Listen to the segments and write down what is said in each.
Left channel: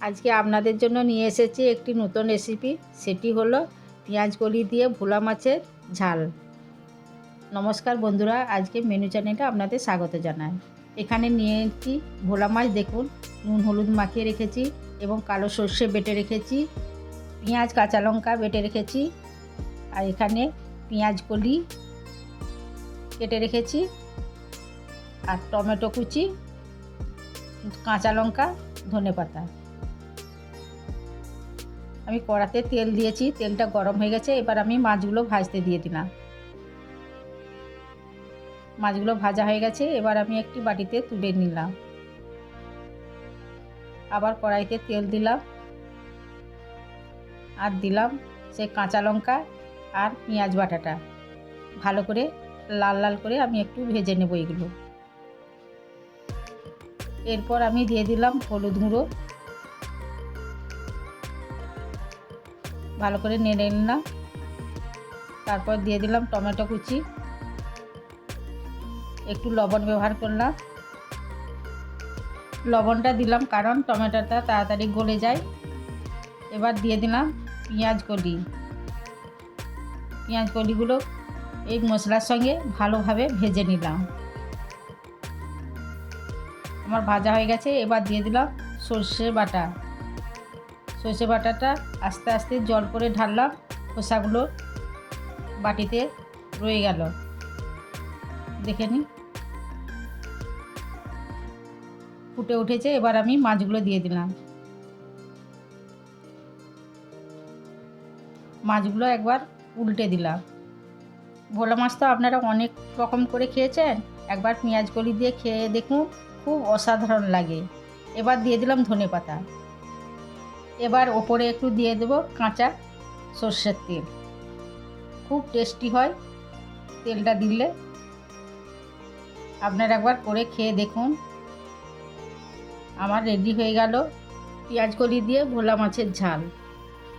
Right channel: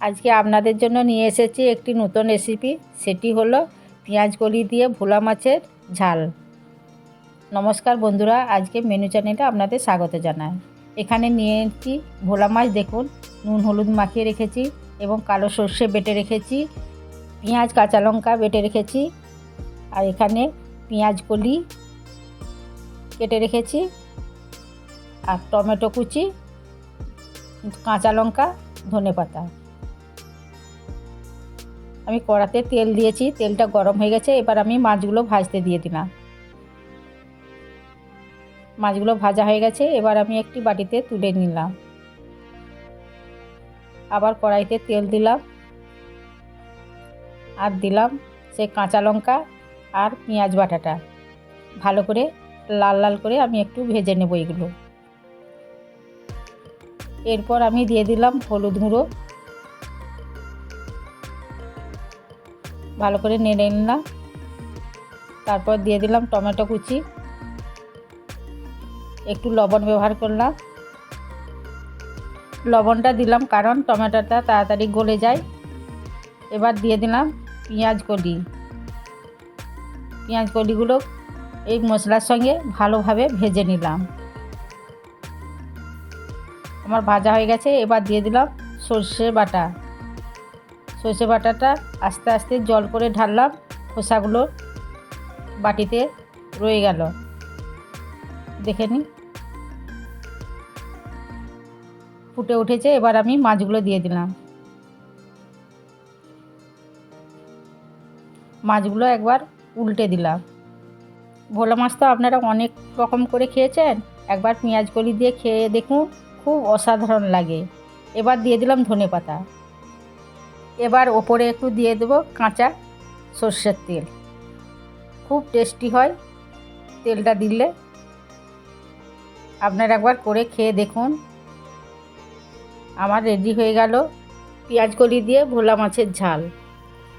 আজকে আপনাদের জন্য নিয়ে এসেছি একটি নতুন রেসিপি সেটি হলো পেঁয়াজ কলি দিয়ে ভোলা মাছের ঝাল। নমস্কার বন্ধুরা, আজকে মেনু চ্যানেলে আপনাদের স্বাগত জানাই। এখানে নিয়েছি ভোলা মাছ। দেখুন, নুন হলুদ মাখিয়ে রেখেছি এবং কালো সর্ষে বেটে রেখেছি, পেঁয়াজ, কাঁচা লঙ্কা বেটে রেখেছি, আর এখানে পেঁয়াজ কলি কেটে রেখেছি, আর টমেটো কুচি, কাঁচা লঙ্কা ধনে পাতা আমি কড়াতে তেল দিয়েছি, তেলটা গরম হয়ে গেছে, এবার আমি মাছগুলো ভাজতে দিয়ে দিলাম। মাছগুলো ভাজা হয়ে গেছে, এবার আমি একটি বাটিতে তুলে নিলাম। আবার কড়াইতে তেল দিলাম। আর দিলাম সে কাঁচা লঙ্কা আর পেঁয়াজ বাটাটা। ভালো করে লাল লাল করে আমি একটু ভেজে নেব এগুলো। এরপর আমি দিয়ে দিলাম হলুদ গুঁড়ো। ভালো করে নেড়ে নিলাম। তারপর দিয়ে দিলাম টমেটো কুচি। একটু লবণ ব্যবহার করলাম। লবণটা দিলাম কারণ টমেটোটা তাড়াতাড়ি গলে যায়। এবার দিয়ে দিলাম পেঁয়াজ কলি। পেঁয়াজ কলিগুলো এই মশলার সঙ্গে ভালোভাবে ভেজে নিলাম। আমার ভাজা হয়ে গেছে, এবার দিয়ে দিলাম সর্ষে বাটা। সর্ষে বাটাটা আস্তে আস্তে জল করে ঢাললাম, খোসাগুলো বাটিতে রয়ে গেল। দেখে নি। ফুটে উঠেছে, এবার আমি মাছগুলো দিয়ে দিলাম। মাছগুলো একবার উল্টে দিলাম। ভোলা মাছ তো আপনারা অনেক রকম করে খেয়েছেন। একবার পেঁয়াজ কলি দিয়ে খেয়ে দেখুন, খুব অসাধারণ লাগে। এবার দিয়ে দিলাম ধনে পাতা। এবার ওপরে একটু দিয়ে দেবো কাঁচা সর্ষের তেল। খুব টেস্টি হয় তেলটা দিলে। আপনারা একবার করে খেয়ে দেখুন। আমার রেডি হয়ে গেল পেঁয়াজ কলি দিয়ে ভোলা মাছের ঝাল।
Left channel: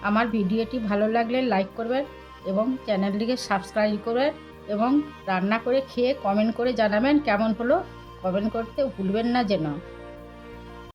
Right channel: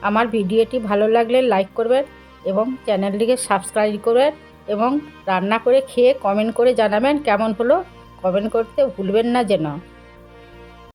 আমার ভিডিওটি ভালো লাগলে লাইক করবেন এবং চ্যানেলটিকে সাবস্ক্রাইব করবেন এবং রান্না করে খেয়ে কমেন্ট করে জানাবেন কেমন হলো। কমেন্ট করতে ভুলবেন না যেন।